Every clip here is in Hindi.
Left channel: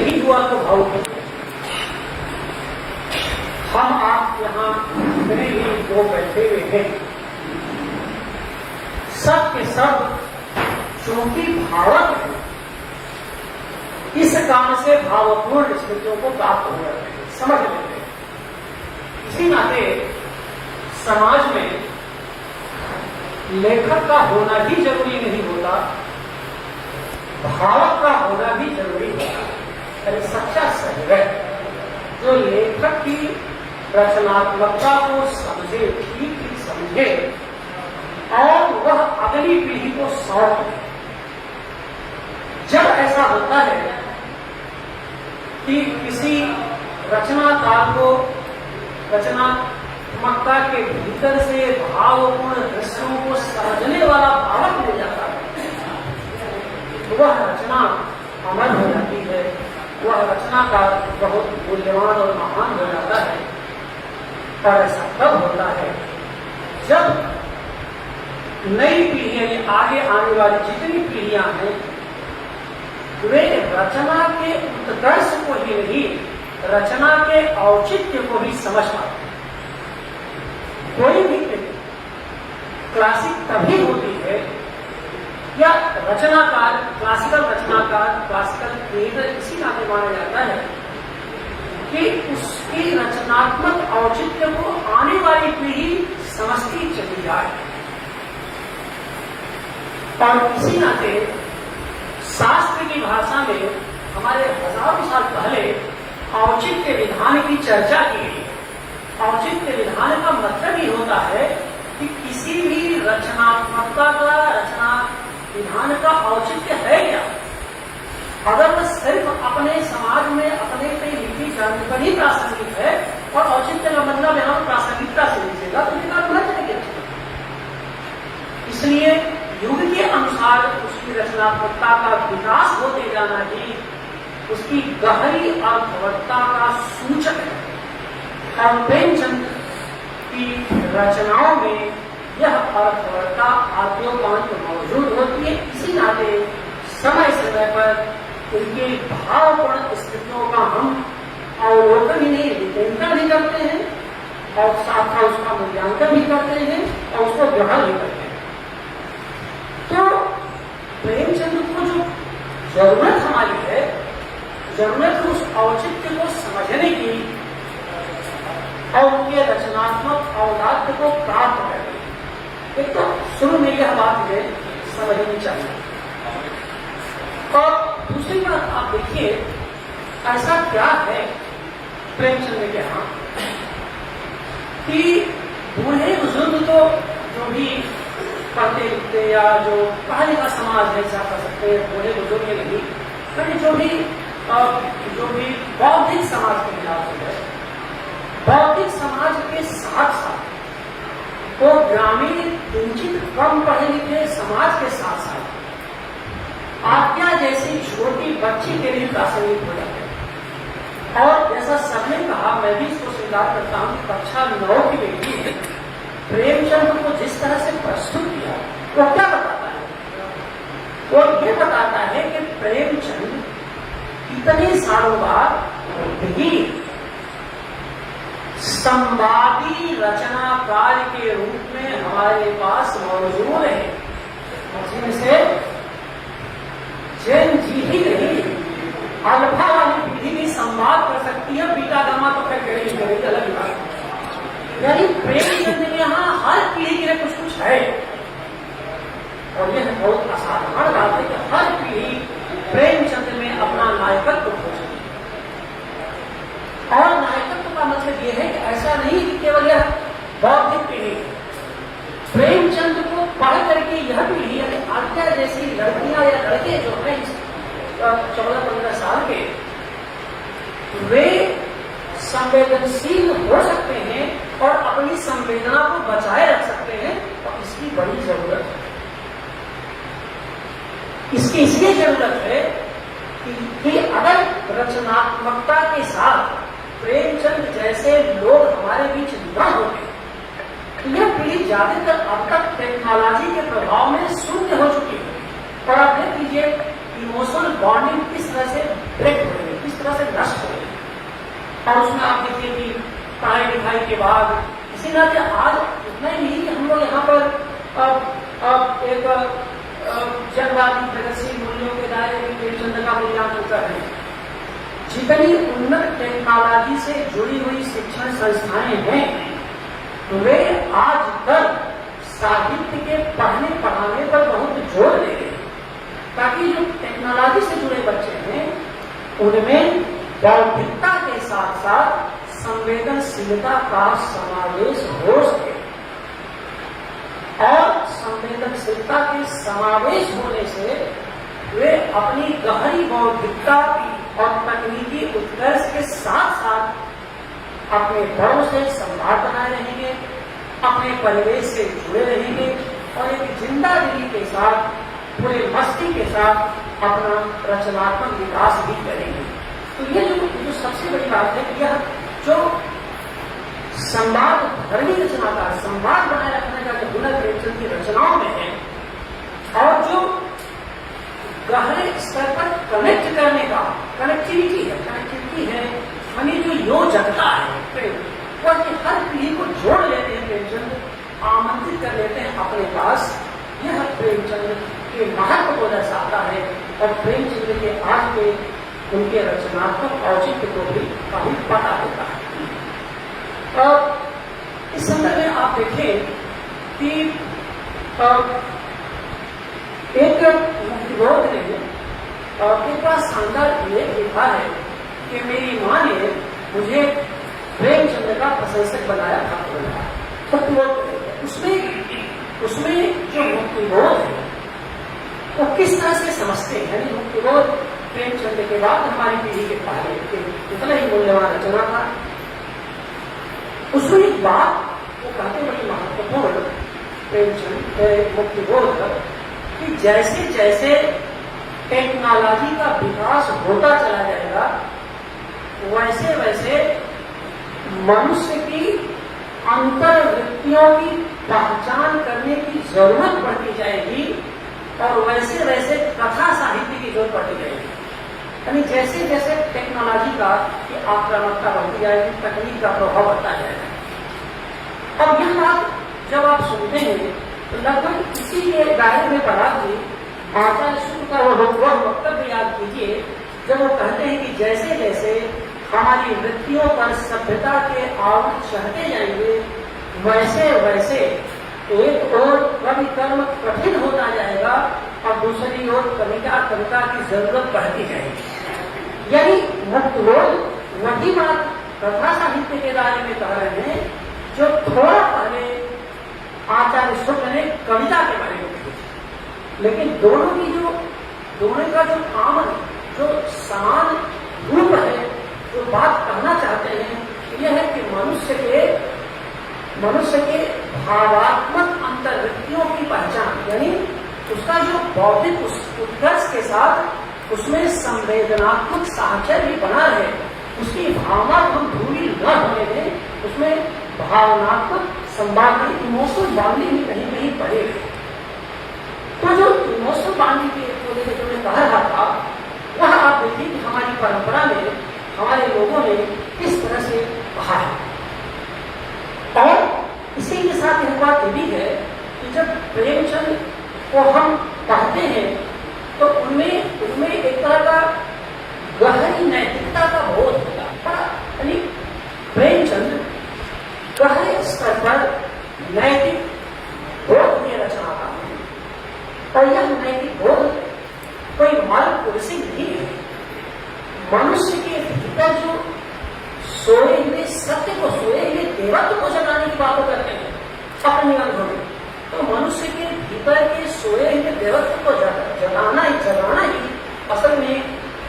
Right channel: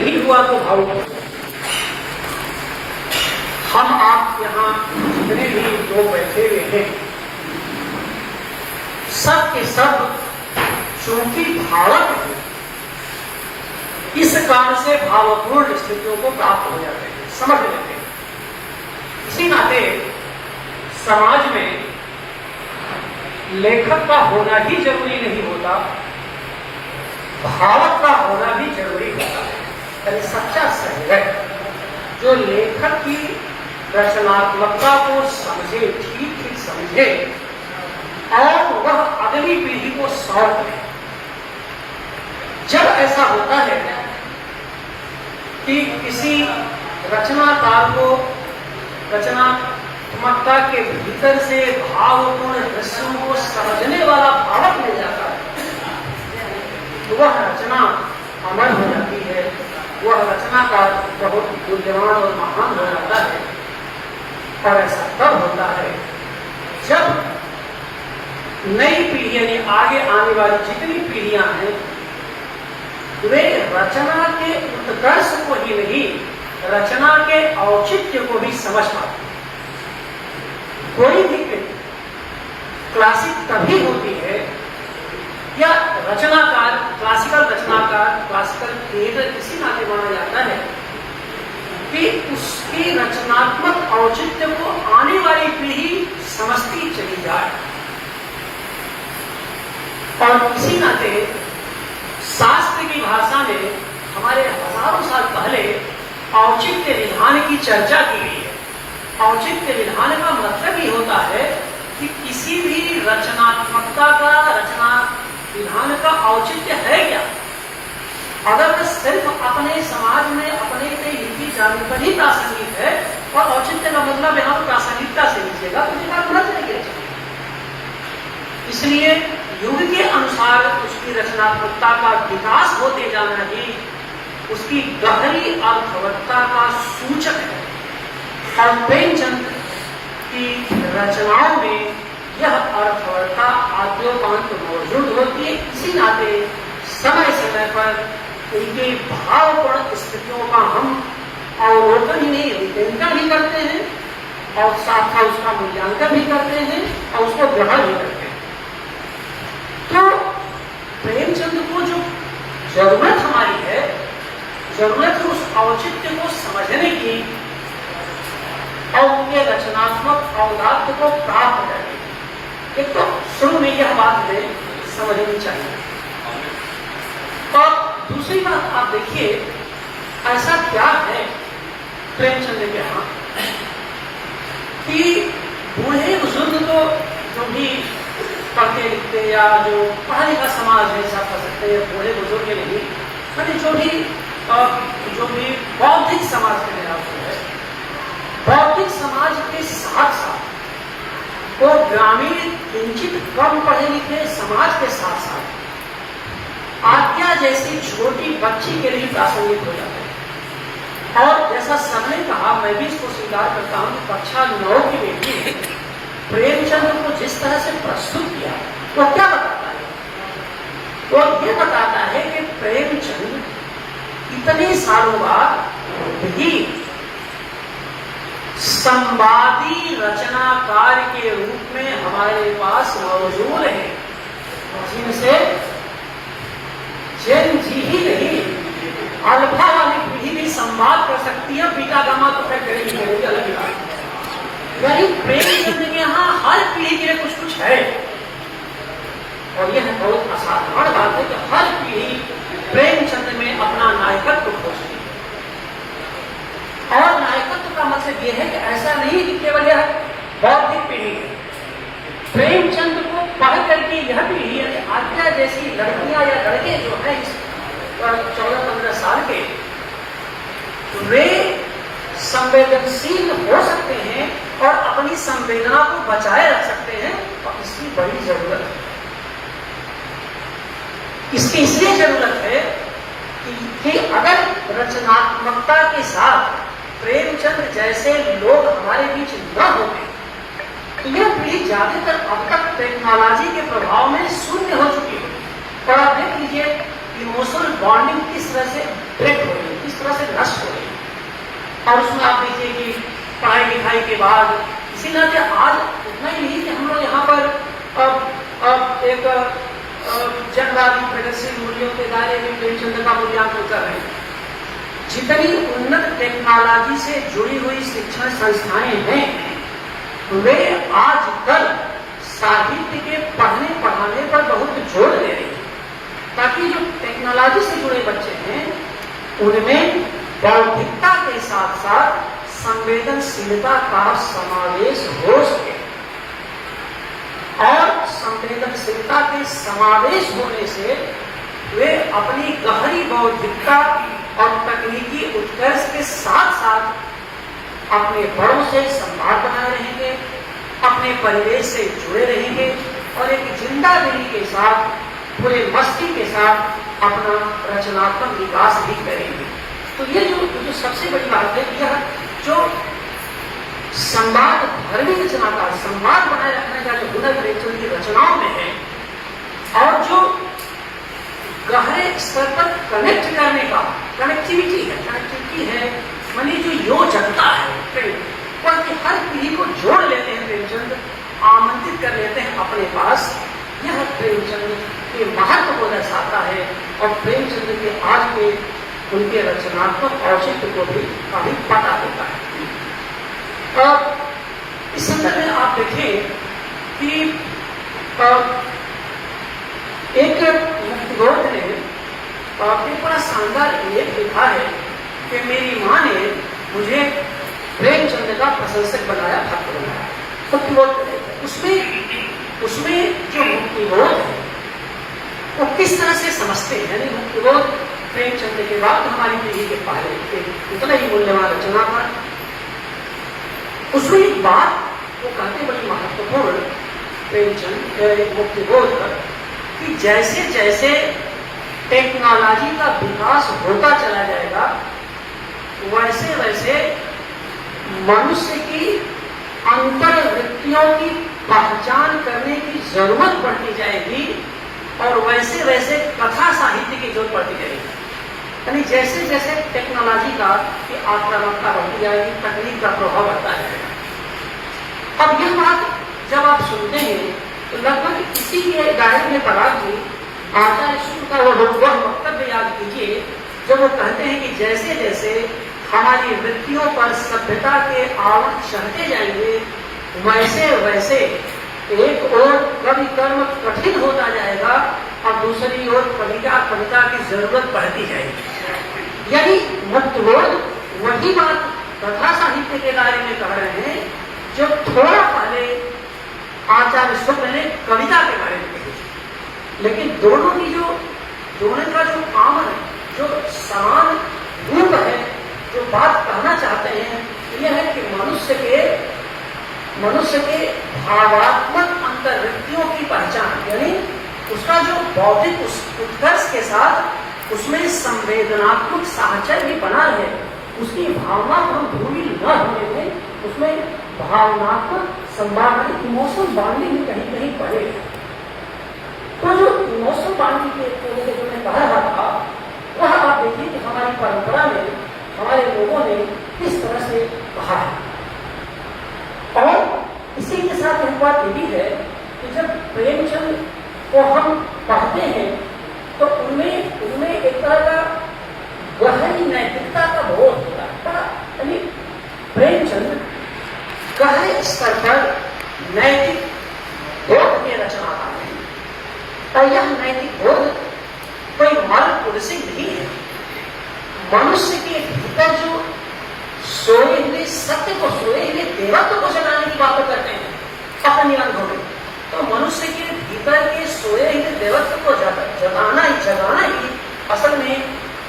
नहीं हुआ तो भावुक। हम आप यहाँ जितने भी लोग बैठे हुए हैं, सब के सब चूंकि भावक हैं, इस कारण से भावपूर्ण स्थितियों को प्राप्त हो जाते हैं, समझ लेते हैं। इसी नाते समाज में लेखक का होना ही जरूरी नहीं होता, भावक का होना भी जरूरी होता है। सच्चा सहयोग जो लेखक की रचनात्मकता को समझे, ठीक ठीक समझे और वह अगली पीढ़ी को सौंप दे। जब ऐसा होता है कि किसी रचनाकार को रचनात्मकता के भीतर से भावपूर्ण दृश्यों को समझने वाला भावक मिल जाता है, तो वह रचना अमर हो जाती है, वह रचना का बहुत मूल्यवान और महान हो जाता है। और ऐसा तब होता है जब नई पीढ़ियां, आगे आने वाली जितनी पीढ़ियां हैं, वे रचना के उत्कर्ष को ही नहीं, रचना के औचित्य को भी समझ पाते हैं। कोई भी क्लासिक तभी होती है, या रचनाकार, क्लासिकल रचनाकार, क्लासिकल क्रिएटर इसी नाते माना जाता है कि उसकी रचनात्मक औचित्य को आने वाली पीढ़ी समझती चली जाए। और इसी नाते शास्त्र की भाषा में हमारे हजारों साल पहले औचित्य विधान की चर्चा की गई है। औचित्य विधान का मतलब ही होता है कि किसी भी रचनात्मकता का, रचना विधान का औचित्य है क्या। अगर सिर्फ अपने समाज में अपने के नीति जानने पर ही प्रासंगिक है और औचित्य का मतलब यहाँ प्रासंगिकता से लीजिएगा, तो उसका गुना चलेगा। इसलिए युग के अनुसार उसकी रचनात्मकता का विकास होते जाना ही उसकी गहरी अर्थवत्ता का सूचक है। और प्रेमचंद की रचनाओं में यह अर्थवत्ता आद्योपांत मौजूद होती है। इसी नाते समय समय पर उनके भावपूर्ण स्थितियों का हम अवलोकन ही नहीं, विवेचन भी करते हैं और साथ साथ उसका मूल्यांकन भी करते हैं और उसको ग्रहण भी करते हैं। तो प्रेमचंद को जो जरूरत हमारी है, जरूरत है उस औचित्य को समझने की और उनके रचनात्मक औदार्य को प्राप्त करने की। एक तो शुरू में यह बात हमें समझनी चाहिए। और दूसरी बात आप देखिए, ऐसा क्या है प्रेमचंद के यहाँ कि बूढ़े बुजुर्ग तो जो भी पढ़ते लिखते या जो पढ़ा लिखा समाज है, ऐसा कह सकते हैं, बूढ़े बुजुर्ग नहीं, लेकिन जो भी बौद्धिक समाज के खिलाफ है, बौद्धिक समाज के साथ साथ तो ग्रामीण किंचित कम पढ़े लिखे समाज के साथ साथ आज्ञा जैसी छोटी बच्ची के लिए प्रासंगिक हो जाते हैं। और जैसा सबने कहा, मैं भी इसको स्वीकार करता हूं, कक्षा 9 की बेटी प्रेमचंद को जिस तरह से प्रस्तुत किया, वो क्या बताता है? वो ये बताता है कि प्रेमचंद इतने सालों बाद भी संवादी रचनाकार के रूप में हमारे पास मौजूद है, जिनसे जेन जी ही नहीं, अल्फा वाली पीढ़ी भी संवाद कर सकती है, बीटा गामा तो करेगी अलग बात। यानी प्रेमचंद के यहाँ हर पीढ़ी के लिए कुछ कुछ है। और यह बहुत असाधारण बात है कि हर पीढ़ी प्रेमचंद में अपना नायकत्व खोजती है। और नायकत्व का मतलब यह है कि ऐसा नहीं कि केवल यह बौद्धिक पीढ़ी है। प्रेमचंद को पढ़ करके यह पीढ़ी, यानी आज्ञा जैसी लड़कियां या लड़के जो है 14-15 साल के, वे संवेदनशील हो सकते हैं और अपनी संवेदना को बचाए रख सकते हैं। और इसकी बड़ी जरूरत है। इसकी इसलिए जरूरत है कि अगर रचनात्मकता के साथ प्रेमचंद जैसे लोग हमारे बीच न होते, तो यह पीढ़ी ज्यादातर अब तक टेक्नोलॉजी के प्रभाव में शून्य हो चुकी है। और आप देख लीजिए इमोशनल बॉन्डिंग किस तरह से ब्रेक हो गई, किस और उसमें आप देखिए कि पढ़ाई लिखाई के बाद इसी तरह से आज उतना ही नहीं कि हम लोग यहाँ पर अब एक जनवादी प्रगतिशील मूल्यों के दायरे में प्रेमचंद का मूल्यांकन कर रहे हैं। जितनी उन्नत टेक्नोलॉजी से जुड़ी हुई शिक्षण संस्थाएं हैं वे आज कल साहित्य के पढ़ने पढ़ाने पर बहुत जोर दे रही है, ताकि जो टेक्नोलॉजी से जुड़े बच्चे हैं उनमें बौद्धिकता के साथ साथ संवेदनशीलता का समावेश हो सके। और संवेदनशीलता के समावेश होने से वे अपनी गहरी बौद्धिकता और तकनीकी उत्कर्ष के साथ साथ अपने बड़ों से संवाद बनाए रहेंगे, अपने परिवेश से जुड़े रहेंगे और एक जिंदा दिली के साथ पूरे मस्ती के साथ अपना रचनात्मक विकास भी करेंगे। तो ये जो सबसे बड़ी बात है, यह जो संवाद भरवी रचना का संवाद बनाए रखने का जो हुनर प्रेमचंद की रचनाओं में है और जो गहरे स्तर पर कनेक्ट करने का कनेक्टिविटी है मानी जो योजकता है और हर पीढ़ी को जोड़ लेते हैं प्रेमचंद, आमंत्रित कर लेते हैं अपने पास। यह प्रेमचंद के महत्व को दर्शाता है और प्रेमचंद के आज के उनके रचनात्मक औचित्य को भी काफी पता होता है। और इस संदर्भ में आप देखें कि एक मुक्तिबोध ने एक बड़ा शानदार लेख लिखा है कि मेरी माँ ने मुझे प्रेमचंद का प्रशंसक बनाया, भक्त बनाया। मुक्तिबोध उसमें जो मुक्तिबोध है वो किस तरह से समझते हैं, यानी मुक्तिबोध प्रेमचंद के बाद हमारी पीढ़ी के पहले उतना ही मूल्यवान रचना था। उसमें एक बात वो कहते बड़ी महत्वपूर्ण प्रेमचंद मुक्तिबोध पर कि जैसे जैसे टेक्नोलॉजी का विकास होता चला जाएगा वैसे वैसे मनुष्य की अंतर्वृत्तियों की पहचान करने की जरूरत बढ़ती जाएगी और वैसे वैसे कथा साहित्य की जरूरत पड़ती जाएगी। यानी जैसे जैसे टेक्नोलॉजी का आक्रामकता बढ़ती जाएगी, तकनीक का प्रभाव बढ़ता जाएगा। अब यह बात जब आप सुनते हैं तो लगभग इसी के दायरे में पढ़ा कि आचार्य शुक्ल का वह वक्तव्य याद कीजिए जब वो कहते हैं कि जैसे जैसे हमारी वृत्तियों पर सभ्यता के आवरण चढ़ते जाएंगे वैसे वैसे एक ओर कवि कर्म कठिन होता जाएगा और दूसरी ओर कविता की जरूरत बढ़ती जाएगी। यानी मुक्तिबोध वही बात कथा साहित्य के दायरे में कह रहे हैं जो थोड़ा पहले आचार्य शुक्ल ने कविता के बारे में कही। लेकिन दोनों का जो कॉमन जो समान रूप है, जो बात कहना चाहते हैं यह है कि मनुष्य के भावात्मक अंतर्वृत्तियों की पहचान, यानी उसका जो बौद्धिक उत्कर्ष के साथ उसमें संवेदनात्मक साहचर्य भी बना है, उसकी भावना हम भूमि न होने में उसमें भावनात्मक संभावना इमोशनल बॉन्डिंग में कहीं कहीं बढ़े। तो जो इमोशनल बॉन्डिंग के जो मैं कह रहा था वह आप देखिए कि हमारी परंपरा में हमारे लोगों ने किस तरह से कहा है। और इसी के साथ एक बात ये भी है कि जब प्रेमचंद को हम पढ़ते हैं तो उनमें एक तरह का गहरी नैतिकता का बोध होता है। यानी प्रेमचंद गहरे स्तर पर नैतिक बोध के रचनाकार हैं और यह नैतिक बोध कोई मार्ग पुरुषी नहीं है। मनुष्य के भीतर जो सोए हुए सत्य को, सोए हुए देवत्व को जगाने की बातों करते हैं अपने अनुभव में, तो मनुष्य के भीतर के सोए हुए देवत्व को जगाना ही असल में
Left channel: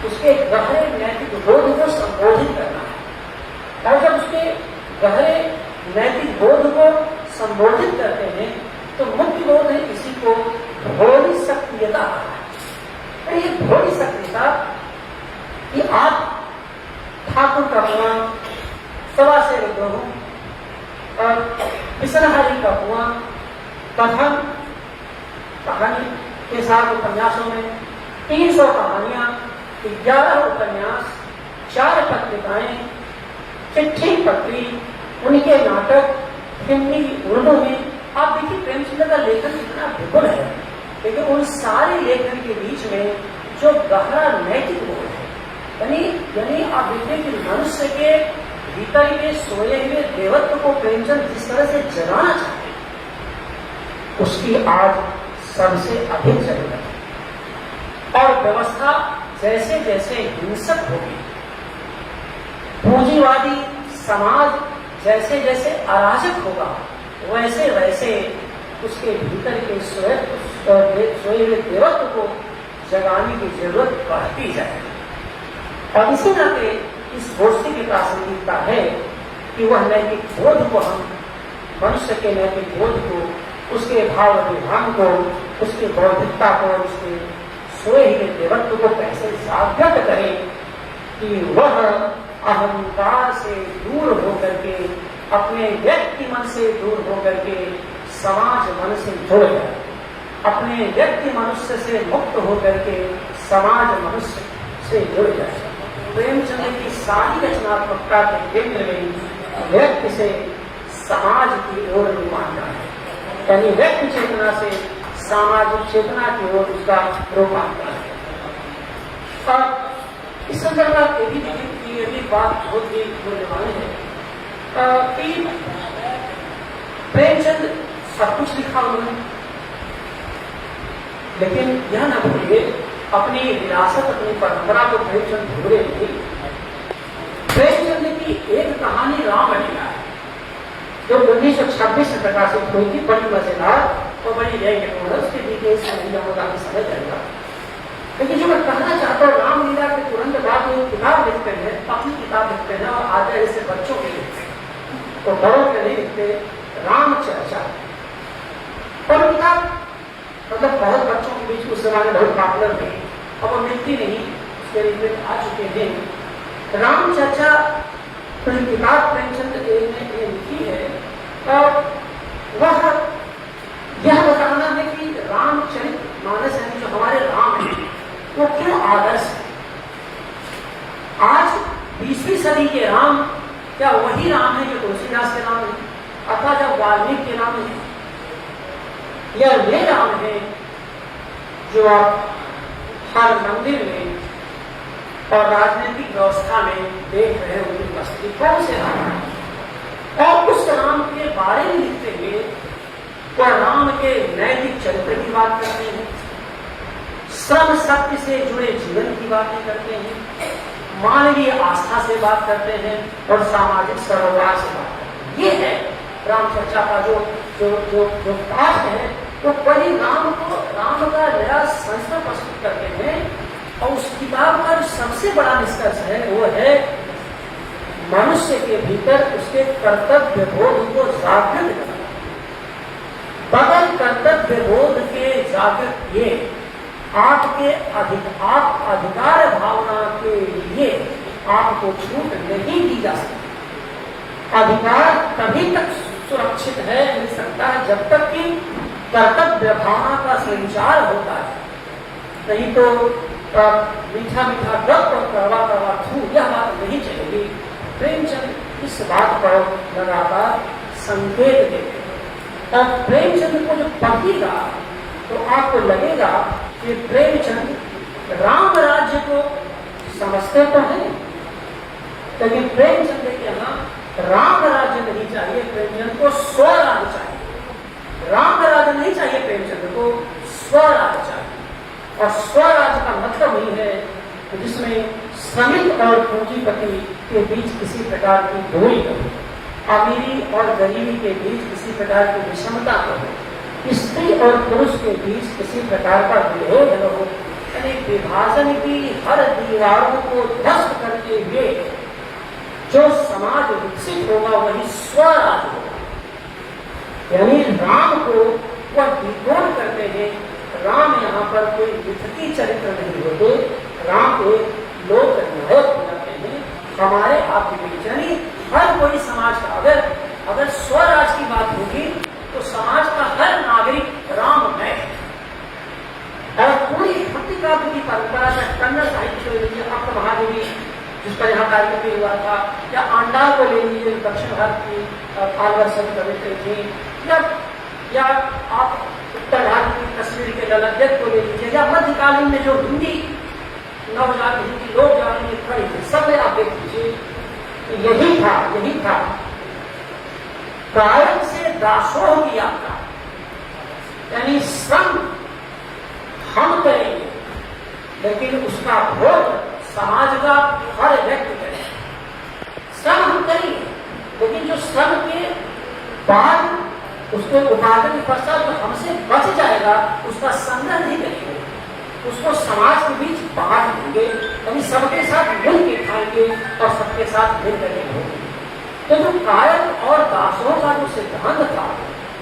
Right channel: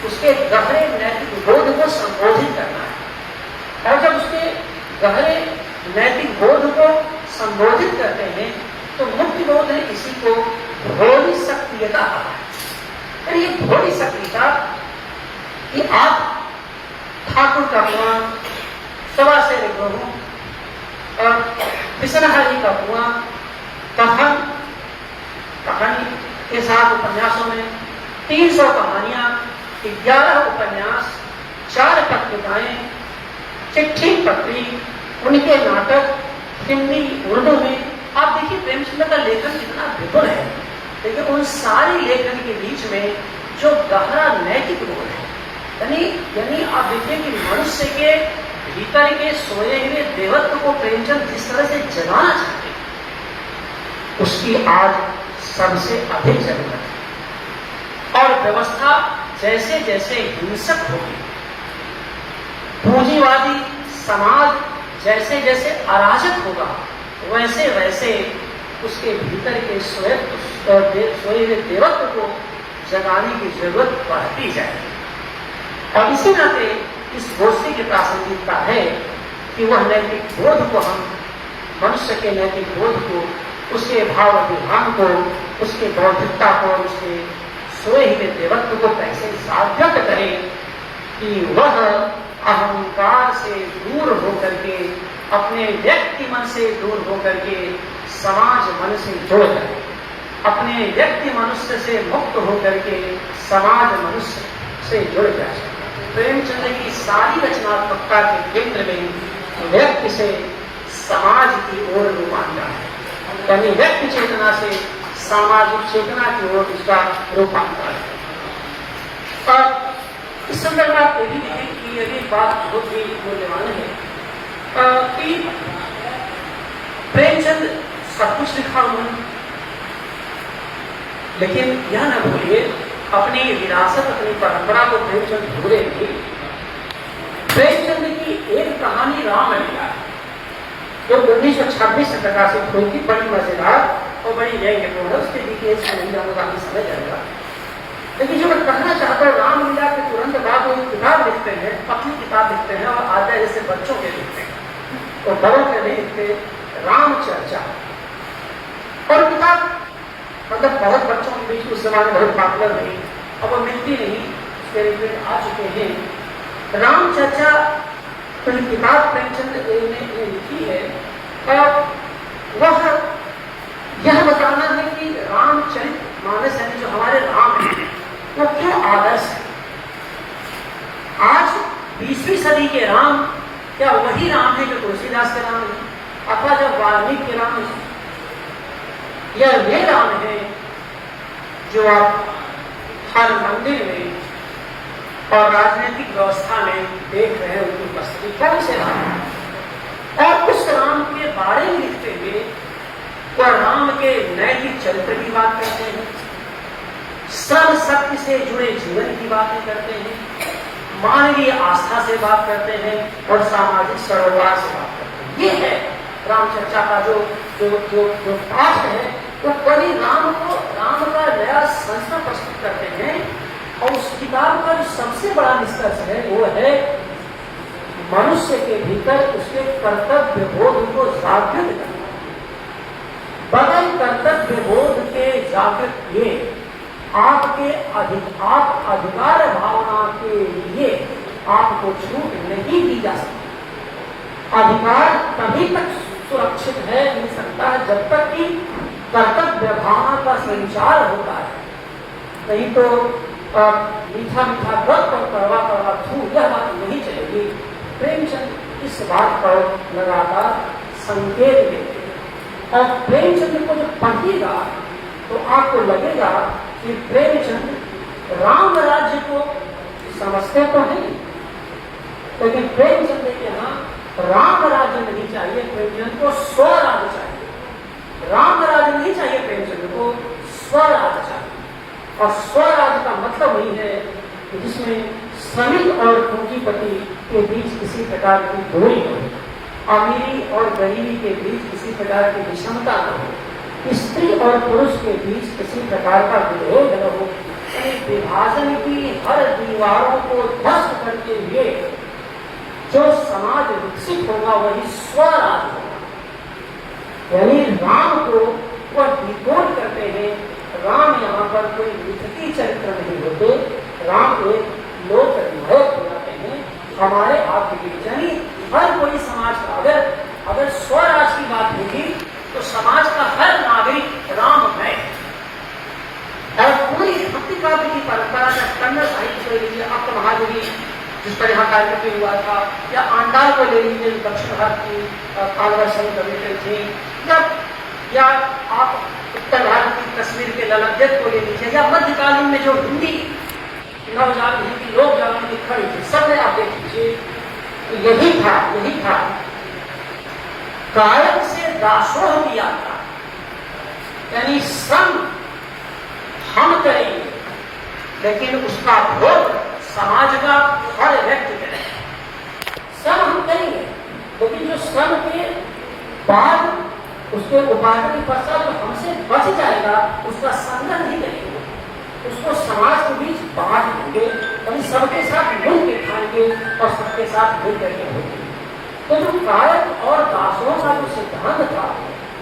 उसके गहरे नैतिक बोध को संबोधित करना है। और जब उसके गहरे नैतिक बोध को संबोधित करते हैं तो मुख्य बोध है इसी को भोली सक्रियता। ये भोली सक्रियता कि आप ठाकुर का कुआं, सवा से ग्रहों और विश्वनाथी का कुआं, कथन कहानी के साथ उपन्यासों में 300 कहानियां, 11 उपन्यास, 4 पत्रिकाएं चिट्ठी पत्री, उनके नाटक हिंदी उर्दू में, आप देखिए प्रेमचंद का लेखन कितना विपुल है, लेकिन उन सारे लेखन के बीच में जो गहरा नैतिक बोध है, यानी आप देखिए कि मनुष्य के भीतर के सोए हुए देवत्व को प्रेमचंद जिस तरह से जगाना चाहते हैं, उसकी आज सबसे अधिक जरूरत है। और व्यवस्था जैसे जैसे हिंसक होगी, पूंजीवादी समाज जैसे जैसे अराजक होगा, वैसे वैसे उसके भीतर के सोए हुए देवत्व को जगाने की जरूरत बढ़ती जाएगी। और इसी नाते इस गोष्ठी की प्रासंगिकता है कि वह नैतिक बोध को हम, मनुष्य के नैतिक बोध को, उसके भाव विधान को, उसके बौद्धिकता को, उसके सोए हुए देवत्व को कैसे सार्थक करें कि वह अहंकार से दूर होकर के, अपने व्यक्ति मन से दूर होकर के समाज मन से जुड़ जाए, अपने व्यक्ति मनुष्य से मुक्त होकर के समाज मनुष्य से जुड़ जाए। प्रेमचंद की सारी रचनात्मकता के केंद्र में व्यक्ति से समाज की ओर रूपांतरण है, यानी व्यक्ति चेतना से सामाजिक चेतना की ओर उसका रूपांतरण है। और इस संदर्भ में आप ये भी देखें कि यही बात बहुत ही मूल्यवान है कि प्रेमचंद सब कुछ लिखा उन्होंने, लेकिन यह न भूलिए अपनी विरासत, अपनी परंपरा को प्रेमचंद भूले नहीं। प्रेमचंद की एक कहानी रामलीला जो 1926 में प्रकाशित हुई थी, बड़ी मजेदार और बड़ी व्यंग्यपूर्ण, उसके डिटेल्स में आपको काफी समझ आएगा। लेकिन जो मैं कहना चाहता हूँ, रामलीला के तुरंत बाद वो किताब लिखते हैं, अपनी किताब लिखते हैं, और आगे जैसे बच्चों के लिखते हैं, तो बड़ों के नहीं लिखते, राम चर्चा। और किताब मतलब बहुत बच्चों के बीच उस जमाने बहुत पॉपुलर नहीं, अब वो मिलती नहीं, उसके रिलेटेड आ चुके हैं। राम चर्चा कोई किताब प्रेमचंद ने लिखी है, और वह यह बताना है कि रामचरित मानस है, जो हमारे राम है, वो क्यों आदर्श है। आज 20वीं सदी के राम क्या वही राम है जो तुलसीदास के राम है, अथवा जब वाल्मीकि के राम है, यह वे राम है जो आप हर मंदिर में और राजनीतिक व्यवस्था में देख रहे हैं, उनकी उपस्थिति कौन से राम है। और उस राम के बारे में लिखते हुए वह राम के नैतिक चरित्र की बात करते हैं, श्रम सत्य से जुड़े जीवन की बातें करते हैं, मानवीय आस्था से बात करते हैं, और सामाजिक सरोकार से बात करते हैं। ये है रामचर्चा का जो जो जो जो पाठ है, वो बड़ी राम का नया संस्कृत प्रस्तुत करते हैं। और उस किताब का जो सबसे बड़ा निष्कर्ष है वो है मनुष्य के भीतर उसके कर्तव्य बोध को जागृत करना। बगैर कर्तव्य बोध के जागृत किए आपके आप अधिकार भावना के लिए आपको छूट नहीं दी जा सकती। अधिकार तभी तक सुरक्षित है, मिल सकता है, जब तक कि कर्तव्य भावना का संचार होता है। नहीं तो मीठा मीठा गप और करवा करवा थू, यह बात नहीं चलेगी। प्रेमचंद इस बात को लगातार संकेत देते, और प्रेमचंद को जो पढ़ेगा तो आपको लगेगा कि प्रेमचंद राम राज्य को समझते तो नहीं, लेकिन प्रेमचंद के यहाँ राम राज्य नहीं चाहिए, प्रेमचंद को स्वराज्य चाहिए। राम राज्य नहीं चाहिए प्रेमचंद को, स्वराज्य चाहिए। और स्वराज्य का मतलब वही है कि जिसमें श्रमिक और पूंजीपति के बीच किसी प्रकार की दूरी न हो, अमीरी और गरीबी के बीच किसी प्रकार की विषमता न हो, स्त्री और पुरुष के बीच किसी प्रकार का विरोध न हो। यानी विभाजन की हर दीवारों को ध्वस्त करते हुए जो समाज विकसित होगा वही स्वराज्य होगा। यानी राम को वह डिकोड करते हैं। राम यहाँ पर कोई मिथकी चरित्र नहीं होते, राम एक लोक नायक हो जाते हैं हमारे आपके बीच। यानी हर कोई समाज का अगर स्वराज की बात होगी तो समाज का हर नागरिक राम है। और पूरी भक्ति काव्य की परंपरा में कन्नड़ साहित्य से लीजिए, आप महादेवी जिसका यहाँ कार्यक्रम भी हुआ था, या आंडाल को ले लीजिए, दक्षिण भारत की कालवर्षण कविता थी, या आप उत्तर भारत की कश्मीर के ललदेव को ले लीजिए, या मध्यकालीन में जो हिंदी नवजात हिंदी लोग जाने खड़ी थे, सब में आप देख लीजिए। यही था गायक से दासोह की यात्रा, यानी श्रम हम करेंगे लेकिन उसका भोग समाज का हर व्यक्ति करें। श्रम हम करेंगे लेकिन जो श्रम के बाद उसके उपार्जन के पश्चात जो हमसे बच जाएगा उसका संग्रह नहीं करेंगे, उसको समाज के बीच बांट देंगे, यानी सबके साथ मिल के खाएंगे और सबके साथ मिल करके होंगे। तो जो गायक और दासों का जो सिद्धांत था,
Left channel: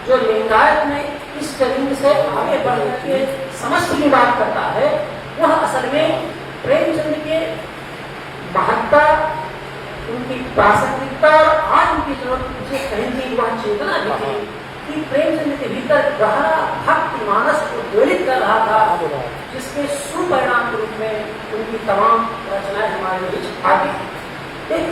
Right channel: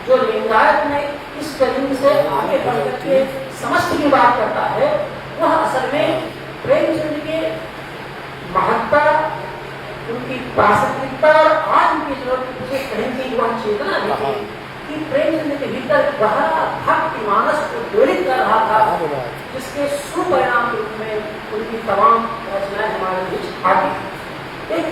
जो लिंगायत में इस तरीके से आगे बढ़ करके समष्टि की बात करता है, वह असल में प्रेमचंद के महत्ता, उनकी प्रासंगिकता और आज उनकी जरूरत मुझे कहीं की वह चेतना भी थी कि प्रेमचंद के भीतर गहरा भक्ति मानस को प्रेरित कर रहा था, जिसके सुपरिणाम के रूप में उनकी तमाम रचनाएं हमारे बीच आ गई। एक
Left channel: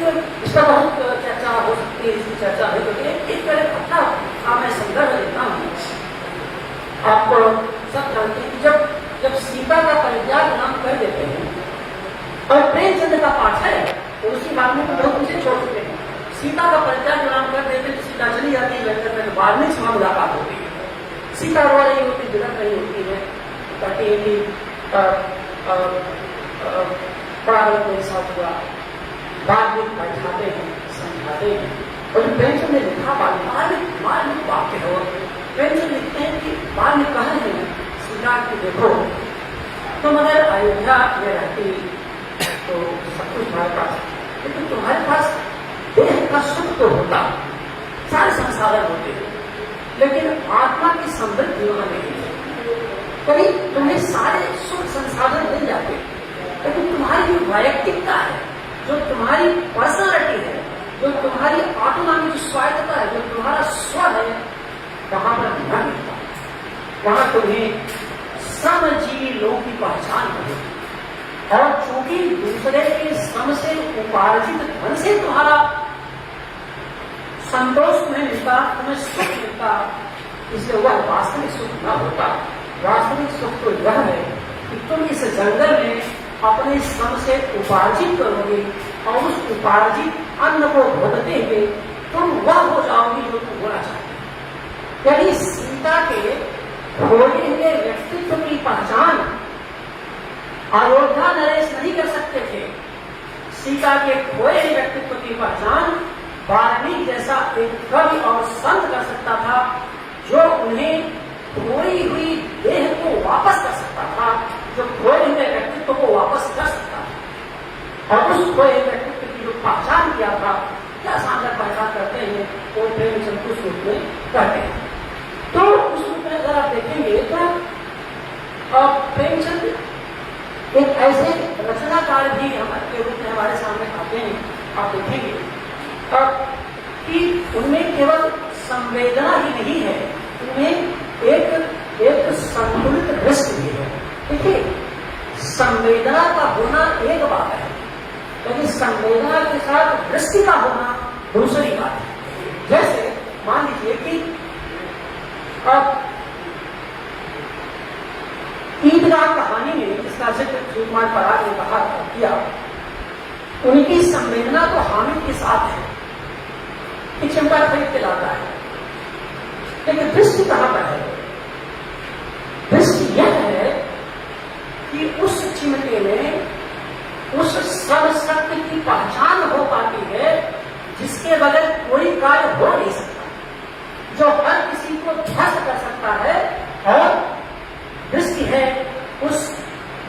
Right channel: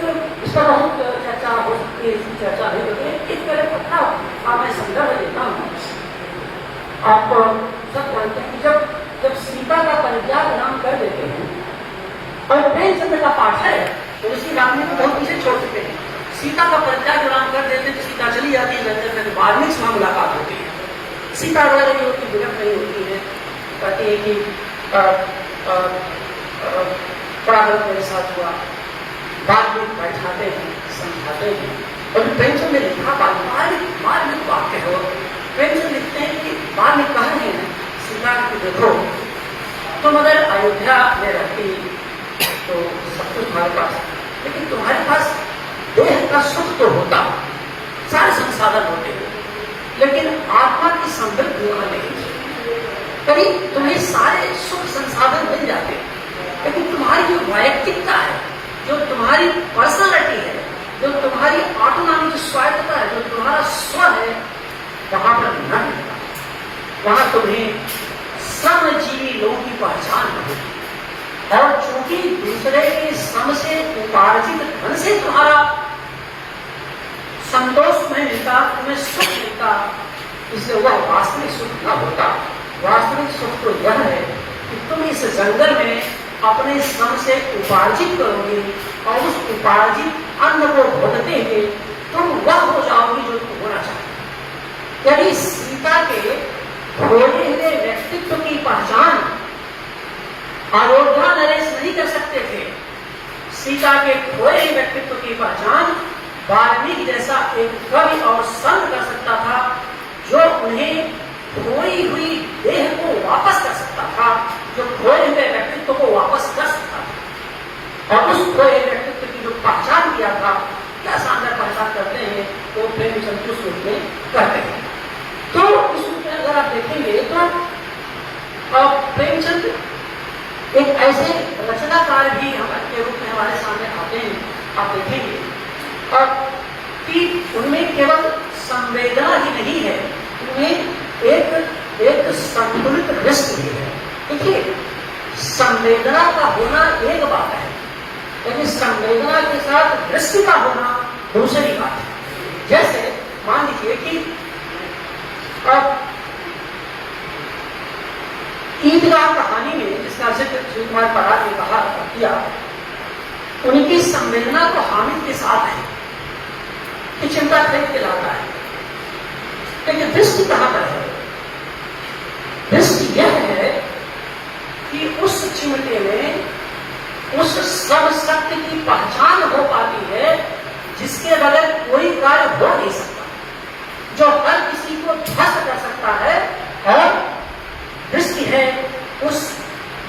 इसका बहुत चर्चा हो सकती है, इसकी चर्चा नहीं होती है। इस तरह पक्का आप मैं संदर्भ देता हूँ आपको। सब जानते हैं कि जब सीता का परित्याग नाम कर देते हैं और प्रेमचंद का पाठ है तो उसकी बात में बहुत पीछे छोड़ चुके हैं। सीता का परित्याग नाम कर देते हैं तो सीता चली जाती है, लंदन में वाल्मीकि से मुलाकात होती है, सीता रो रही होती, विलप नहीं होती है, कहती है कि बड़ा गलत मेरे साथ हुआ, बाद में बैठाते हैं, समझाते हैं। और प्रेमचंद ने लिखा मार्मिक वाक्य हो, प्रेमचंद लिखते हैं कि बाद में कहा नहीं है सीता की देखो तुम अगर अयोध्या में रहती तो सब कुछ तुम्हारे पास, लेकिन तुम्हारे पास देह का सुख तो होता, सारे संसाधन होते हैं, लेकिन आत्मा की समृद्धि वहां नहीं है। कभी तुम्हें सारे सुख संसाधन मिल जाते, लेकिन तुम्हारी जो वैयक्तिकता है, जो तुम्हारी पर्सनालिटी है, जो तुम्हारी ऑटोनॉमी, जो स्वायत्तता है, जो तुम्हारा स्व है, वहां पर न मिलता। वहां तुम्हें श्रमजीवी लोगों की पहचान मिलेगी, और चूंकि दूसरे के श्रम से उपार्जित धन से तुम्हारा संतोष में मिलता, तुम्हें सुख मिलता, इसलिए वह वास्तविक सुख न होता। वास्तविक सुख तो यह है कि तुम इस जंगल में अपने श्रम से उपार्जित करोगे और उस उपार्जित अन्न को भोगते हुए तुम वह हो जाओगे जो तुम होना चाहते। यदि सीता के खोए हुए व्यक्तित्व की पहचान अयोध्या नरेश नहीं कर सकते थे, सीता के खोए हुए व्यक्तित्व की पहचान वाल्मीकि जैसा एक कवि और संत कर सकता था, जो उन्हें खोई हुई देह को वापस कर सकता था, जो खोए हुए व्यक्तित्व को वापस कर सकता था। और उस खोए हुए व्यक्तित्व की जो पहचान किया था, क्या शानदार पहचान करते हैं वो प्रेमचंद उस रूप में करते हैं। तो इस रूप में अगर आप देखेंगे तो प्रेमचंद एक ऐसे रचनाकार भी के रूप में हमारे सामने आते हैं। आप देखेंगे कि उनमें केवल संवेदना ही नहीं है, उनमें एक संतुलित रस भी है। देखिए, संवेदना का होना एक बात है, लेकिन संवेदना के साथ दृष्टि का होना दूसरी बात है। जैसे मान लीजिए कि ईदगाह कहानी में जिसका जिक्र श्री कुमार पराग ने कहा किया, उनकी संवेदना तो हामिद के साथ है कि चिंता खरीद के लाता है, लेकिन दृष्टि कहां पर है? दृष्टि यह है कि उस चिमटे में उस सब सत्य की पहचान हो पाती है जिसके बगैर कोई कार्य हो नहीं सकता, जो हर किसी को ध्वस्त कर सकता है। और दृष्टि है उस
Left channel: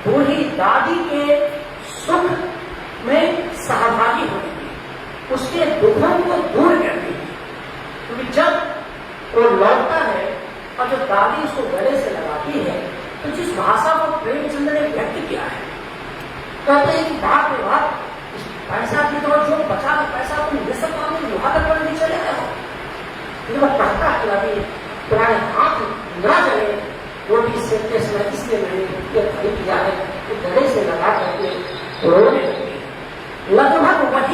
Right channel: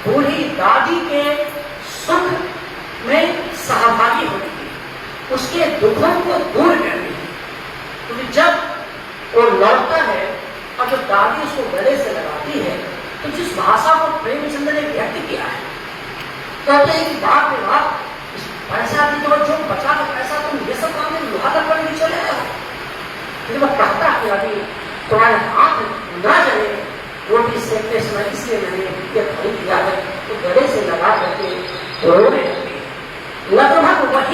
बूढ़ी दादी के सुख में सहभागी होने की, उसके दुखों को दूर करने की। क्योंकि जब वो लौटता है और जो दादी उसको गले से लगाती है, तो जिस भाषा को प्रेमचंद ने व्यक्त किया है, कहते हैं कि बाप रे बाप, पैसा की जो बचा था पैसा तुम ये सब काम में लोहा तक नहीं चले गए हो। लेकिन वो कहता कि अभी तुम्हारे हाथ न चले, वो भी सेकते समय इसलिए मैंने ये खरीद किया है, तो गले से लगा करके रोने लगे। लगभग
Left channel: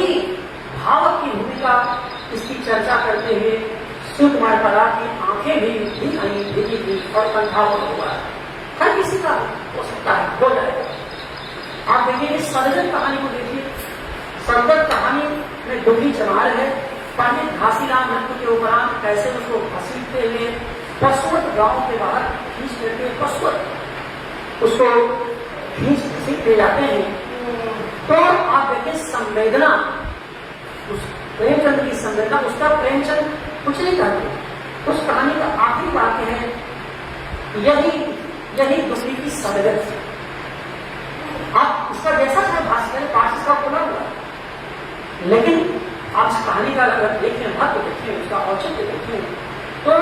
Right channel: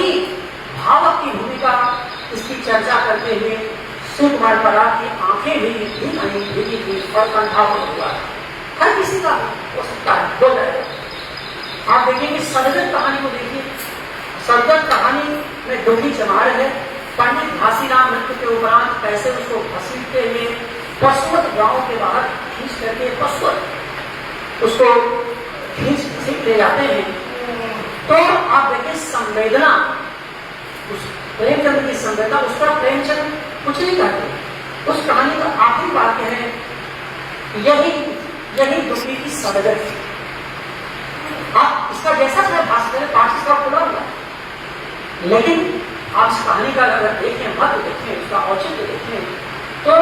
वही भावक की भूमिका इसकी चर्चा करते हुए शिव कुमार पराग की आंखें भी भीगी थी और कंठापन हुआ। हर किसी का हो सकता है, हो जाएगा। आप देखिए सदगत कहानी को देखिए। सदगत कहानी में दुखी चमार है। पंडित घासीराम मृत्यु के उपरांत कैसे उसको घसीटते हुए पशुवत गांव के बाहर खींच करके पशुवत उसको खींच ले जाते हैं। तो आप देखिए संवेदना, उस प्रेमचंद की संवेदना, उसका प्रेमचंद कुछ नहीं करते। उस कहानी का आखिरी वाक्य है, यही दुखी की सदगत थी। आप इसका जैसा चाहे भाषण करें, पाठ इसका खुला हुआ, लेकिन आप इस कहानी का अगर देखें, महत्व देखें, उसका औचित्य देखें, तो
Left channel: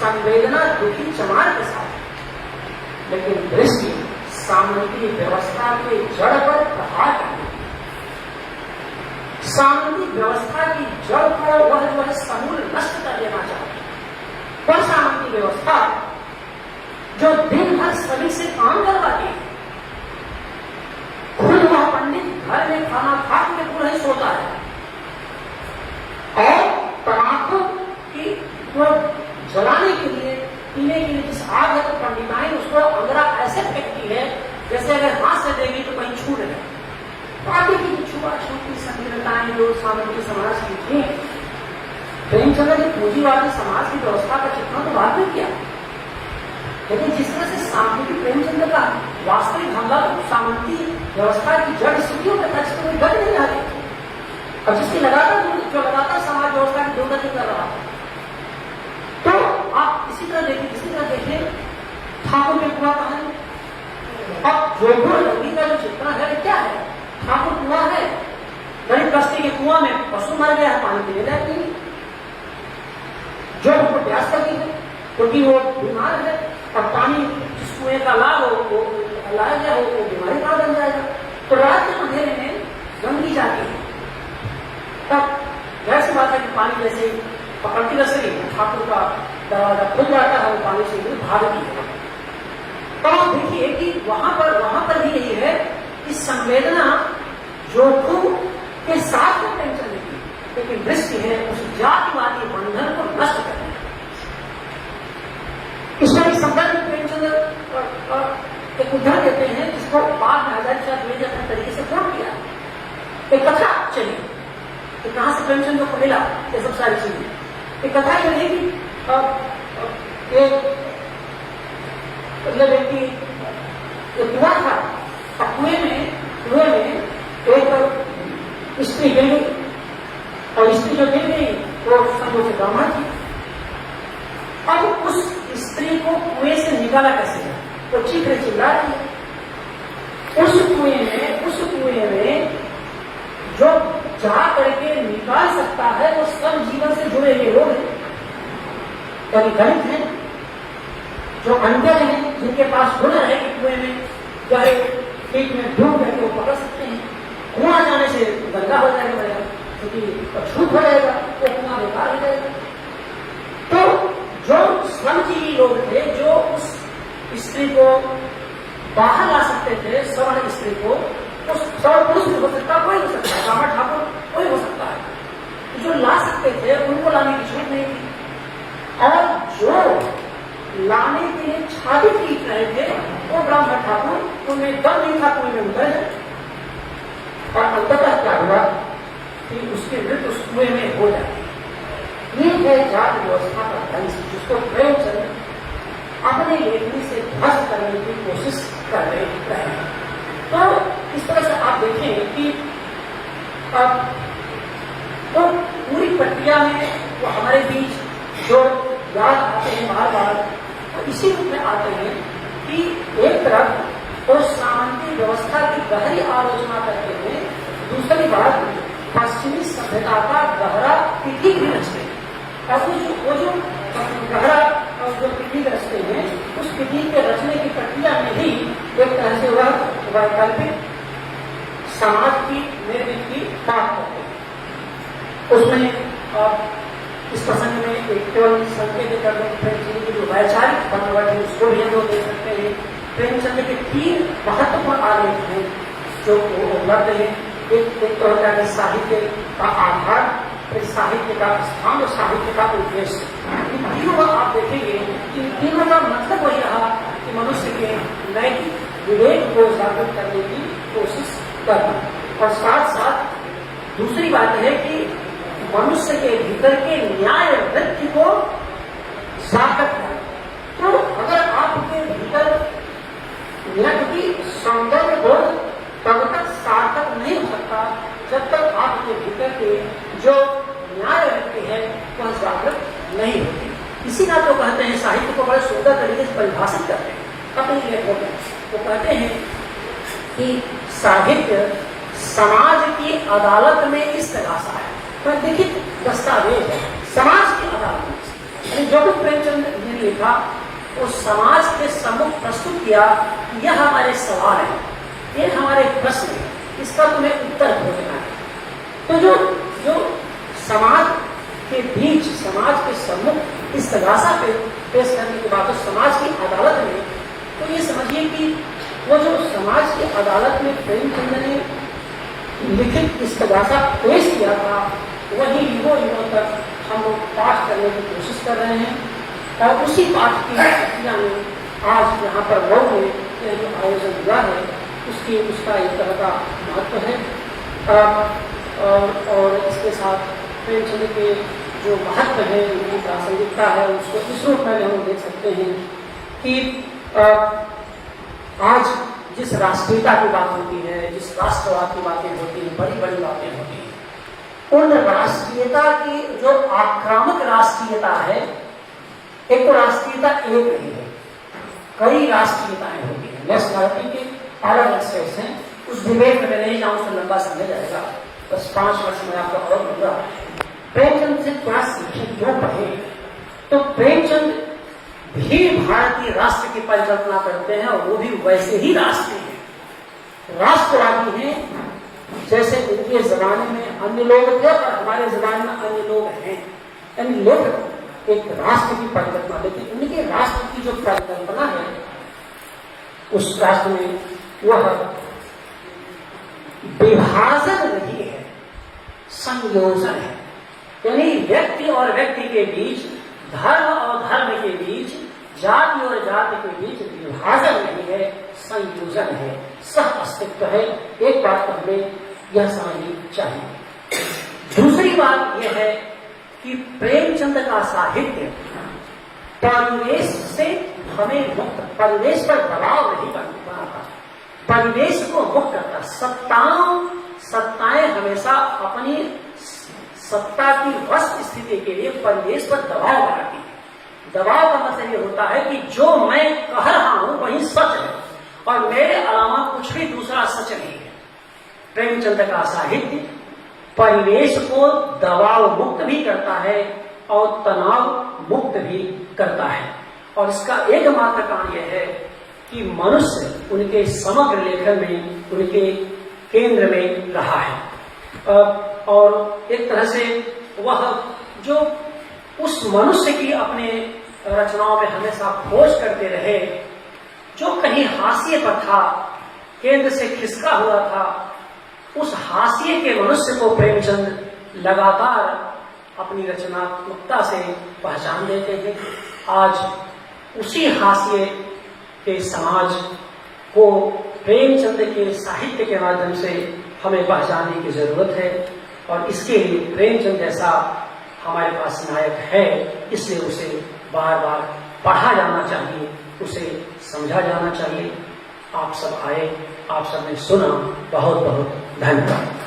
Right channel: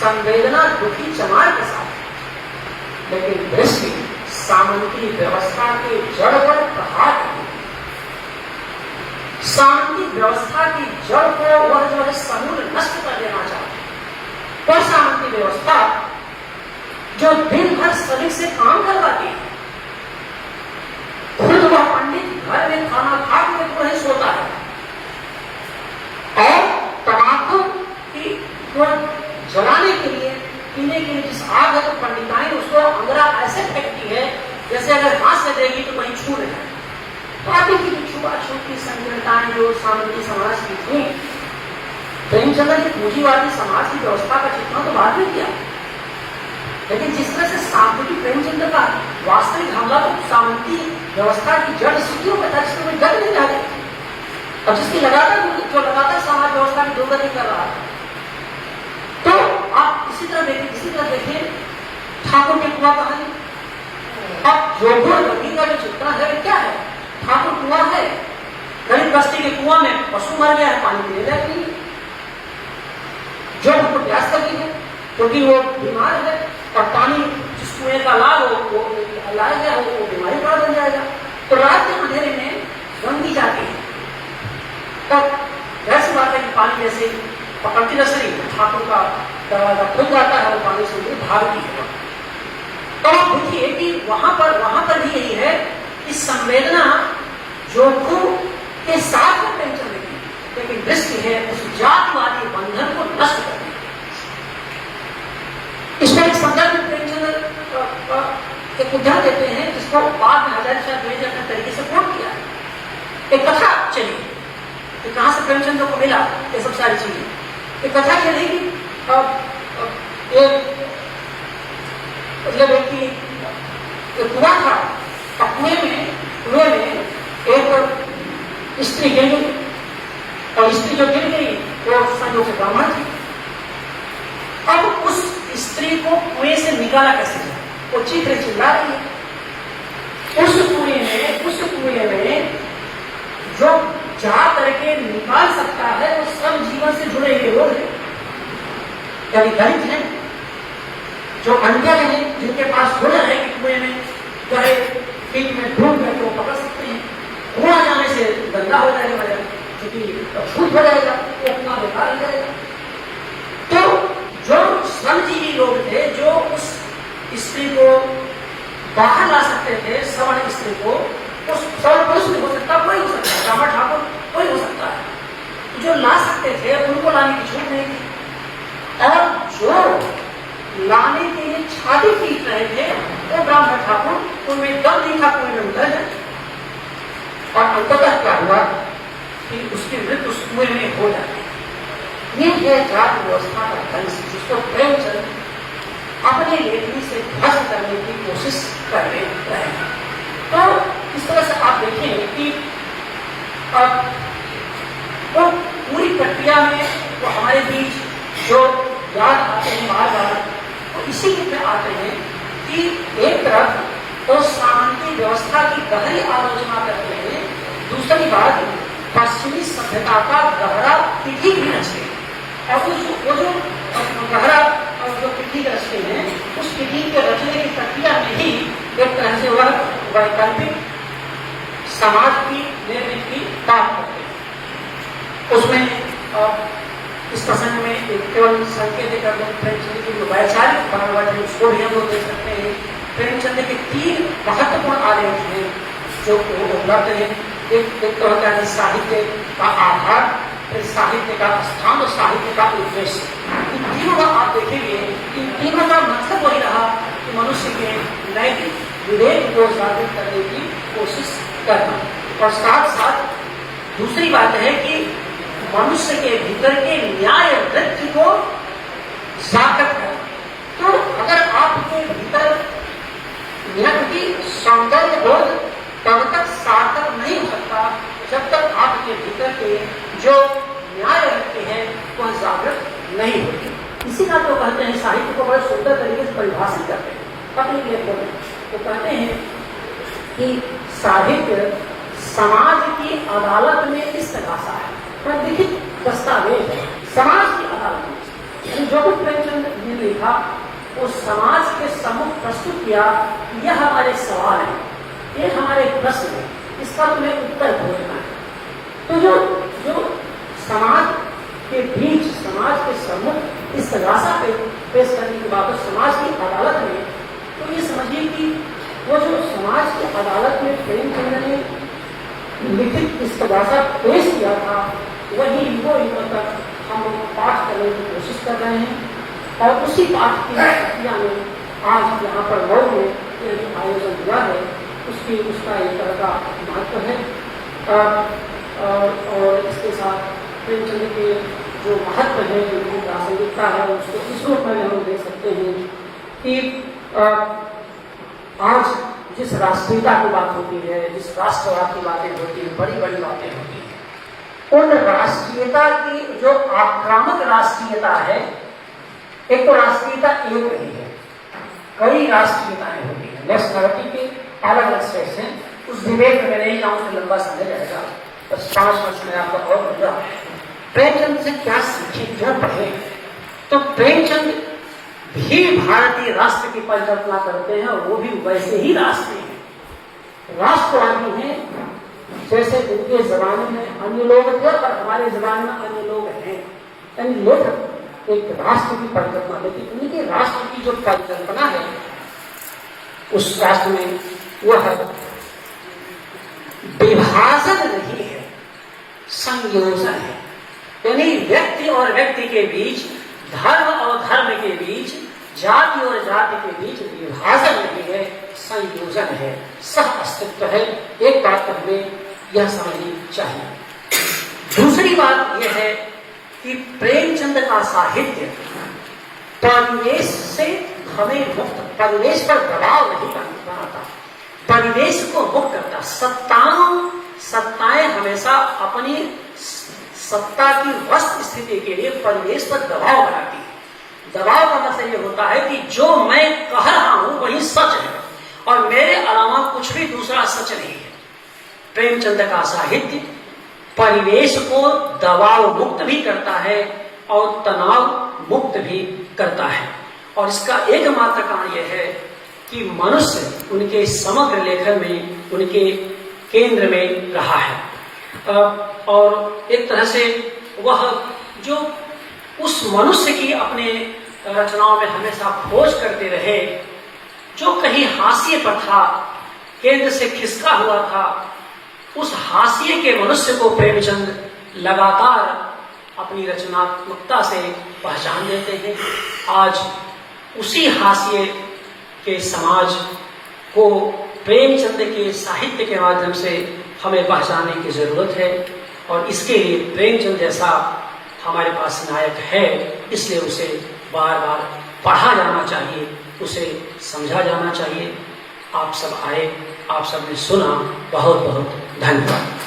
संवेदना दुखी चमार के साथ, लेकिन दृष्टि सामंती व्यवस्था के जड़ पर प्रहार करती। सामंती व्यवस्था की जड़ को वह जो है समूल नष्ट कर देना चाहती। वह सामंती व्यवस्था जो दिन भर सभी से काम करवाती है, खुद वह पंडित घर में खाना खा के पूरा ही सोता है और तंबाकू की को जलाने के लिए, पीने के लिए जिस आग है, तो पंडिताएं उसको अंदरा ऐसे फेंकती है जैसे अगर हाथ से देगी तो कहीं छू रहे। पापी की छुआछूत संकीर्णताएं जो सामंती समाज की थी, प्रेमचंद्र ने पूंजीवादी समाज की व्यवस्था का चित्रण तो बाद में किया, लेकिन जिस तरह से सामंती प्रेमचंद्र का वास्तविक हमला सामंती व्यवस्था की जड़ स्थितियों का था, जिसमें जड़ नहीं जाते और जिसकी लगातार समाज व्यवस्था की दुर्गति कर रहा है। तो आप इसी तरह देखिए ठाकुर के कुआं कहानी। अब जोधपुर नदी का जो चित्रण है क्या है? ठाकुर कुआं है, गरीब बस्ती के कुआं में पशु मर गया है, पानी पीने लायक नहीं। जो हमको प्यास लगी है क्योंकि वो बीमार है और पानी जिस कुएं का लाभ हो वो लाया गया हो, वो बीमारी पड़ बन जाएगा। तो रात के अंधेरे में गंगी जाती है और वैसी बात है कि पानी जैसे पकड़ती रसरी ठाकुर का दरवाजा खुल जाता है, वो पानी से भी भागती है। तो आप देखिए कि वहां पर भी यही है कि संवेदना जोखू के साथ में प्रेमचंद की, लेकिन दृष्टि है उस जातिवादी बंधन को नष्ट करने। इसमें एक संदर्भ में प्रेमचंद एक उदाहरण देते हैं जिसको बाद में आजाद शाह ने अपने तरीके से कोट किया। एक कथा चली कि कहां से प्रेमचंद को मिला ये सब सारी चीजें। एक कथा चलेगी, मतलब व्यक्ति कुआं था, कुएं में एक स्त्री गिर गई और स्त्री जो गिर गई वो संयोग से ब्राह्मण थी। अब उस स्त्री को कुएं से निकाला कैसे जाए? वो चीख चिल्ला रही है। उस कुएं में जो जा करके निकाल सकता है वो सब जीवन से जुड़े हुए लोग हैं, कभी गरीब हैं, जो अनपढ़ हैं, जिनके पास हुनर है कि कुएं में गए पीठ में ढूंढ करके वो पकड़ सकते हैं। कुआं जाने से गंदा हो जाएगा, क्योंकि छूट हो जाएगा, वो कुआं बेकार हो जाएगा। तो जो श्रमजीवी लोग थे जो उस स्त्री को बाहर ला सकते थे, सवर्ण स्त्री को, उस सवर्ण पुरुष हो सकता, कोई हो सकता है, ब्राह्मण ठाकुर कोई हो सकता है, जो ला सकते थे उनको लाने की छूट नहीं थी। और जो लाने के लिए छाती पीट रहे थे वो ब्राह्मण ठाकुर, उनमें दम नहीं था, कोई में उतर है। और अंततः क्या हुआ कि उसकी मृत्यु उस कुएं में हो जाती। ये है जाति व्यवस्था का कंस, जिसको प्रेमचंद अपने लेखनी से ध्वस्त करने की कोशिश कर रहे हैं। तो इस तरह से आप देखें कि तो पूरी प्रक्रिया में वो हमारे बीच जो याद आते हैं बार वो इसी में आते हैं कि एक तरफ तो सामंती व्यवस्था की गहरी आलोचना करते हैं, दूसरी बात पश्चिमी सभ्यता का गहरा पिटी भी रचते हैं। और वो जो गहरा जो पिटी रचते हैं, उस पिटी के रचने की प्रक्रिया में ही एक तरह से वह वैकल्पिक समाज की निर्मित की बात करते हैं। उसमें इस प्रसंग में केवल संकेत कर प्रेमचंद की जो वैचारिक बनावट है उसको भी हम लोग देख सकते हैं। प्रेमचंद के 3 महत्वपूर्ण आलेख हैं जो उपलब्ध है। एक तो होता है साहित्य का आधार, फिर साहित्य का स्थान और साहित्य का उद्देश्य। इन तीनों आप देखेंगे, इन तीनों का मतलब वही रहा कि मनुष्य के नैतिक विवेक को जागृत करने की कोशिश करना। और साथ साथ दूसरी बात है कि मनुष्य के भीतर के न्याय वृत्ति को सार्थक है। तो अगर आपके भीतर न्याय की सौंदर्य बोध तब तक सार्थक नहीं हो सकता जब तक आपके भीतर के जो न्याय वृत्ति है वह जागृत नहीं होती। इसी का तो कहते हैं, साहित्य को बड़े सुंदर तरीके से परिभाषित करते हैं अपने लेखों में। वो कहते हैं कि साहित्य समाज की अदालत में इस तरह सा है, लिखित दस्तावेज है समाज की अदालत में। जो कुछ प्रेमचंद ने लिखा वो समाज के सम्मुख प्रस्तुत किया, यह हमारे सवाल है, ये हमारे प्रश्न है, इसका तुम्हें उत्तर ढूंढना है। तो जो समाज के बीच, समाज के सम्मुख इस तरासा पे पेश करने के बाद समाज की अदालत में, तो ये समझिए कि वो जो समाज की अदालत में प्रेमचंद ने लिखित इस तरासा पेश किया था, वही युगों तक हम लोग पाठ करने की कोशिश कर रहे हैं। और उसी पाठ की प्रक्रिया में आज यहाँ पर लोग ने जो आयोजन किया है उसका एक तरह का महत्व है। और इसके साथ प्रेमचंद के जो महत्व है, उनकी प्रासंगिकता है, उसको इस रूप में हम देख सकते हैं कि आज जिस राष्ट्रीयता की बात होती है, जिस राष्ट्रवाद की बातें होती हैं, बड़ी बड़ी बातें होती हैं, उन राष्ट्रीयता की जो आक्रामक राष्ट्रीयता है, एक तो राष्ट्रीयता एक नहीं है, कई राष्ट्रीयताएं होती हैं। नेशनलिटी के अलग अलग स्टेट्स हैं। उस विवेक में नहीं जाऊं तो लंबा समय जाएगा, बस 5 वर्ष में आपका और होगा। प्रेमचंद से क्या सीखे, क्यों पढ़े? तो प्रेमचंद भी भारतीय राष्ट्र की परिकल्पना करते हैं और वो भी वैसे ही राष्ट्रीय हैं, राष्ट्रवादी हैं जैसे उनके जमाने में अन्य लोग थे और हमारे जमाने में अन्य लोग हैं। यानी लोग एक राष्ट्र की परिकल्पना, लेकिन उनके राष्ट्र की जो परिकल्पना है उस राष्ट्र में वह विभाजन नहीं है, संयोजन है। यानी व्यक्ति और व्यक्ति के बीच, धर्म और धर्म के बीच, जाति और जाति के बीच विभाजन नहीं है, संयोजन है, सह अस्तित्व है। एक बात हमें यह समझनी चाहिए। दूसरी बात यह है कि प्रेमचंद का साहित्य परिवेश से हमें मुक्त, परिवेश पर दबाव नहीं बनाता, परिवेश को मुक्त करता। सत्ताएं हमेशा अपनी सत्ता की वस्त स्थिति के लिए परिवेश पर दबाव बनाती है। दबाव का मतलब यह होता है कि जो मैं कह रहा हूं वही सच है और मेरे अलावा कुछ भी दूसरा सच नहीं है। प्रेमचंद का साहित्य परिवेश को दबाव मुक्त भी करता है और तनाव मुक्त भी करता है। और इसका एकमात्र कारण यह है कि मनुष्य उनके समग्र लेखन में उनके केंद्र में रहा है। और एक तरह से वह जो उस मनुष्य की अपने रचनाओं में हमेशा खोज करते रहे, जो कहीं हाशिए पर था, केंद्र से खिसका हुआ था, उस हाशिए के मनुष्य को प्रेमचंद लगातार अपनी रचनात्मकता से पहचान देते हैं। आज उसी हाशिए के समाज को प्रेमचंद के साहित्य के माध्यम से हमें पहचानने की जरूरत है और इसके लिए प्रेमचंद जैसा हमारे पास नायक है, इसलिए उसे बार बार पढ़ा जाना चाहिए, उसे समझा जाना चाहिए। आप सब आए, आप सबने सुना, बहुत बहुत धन्यवाद।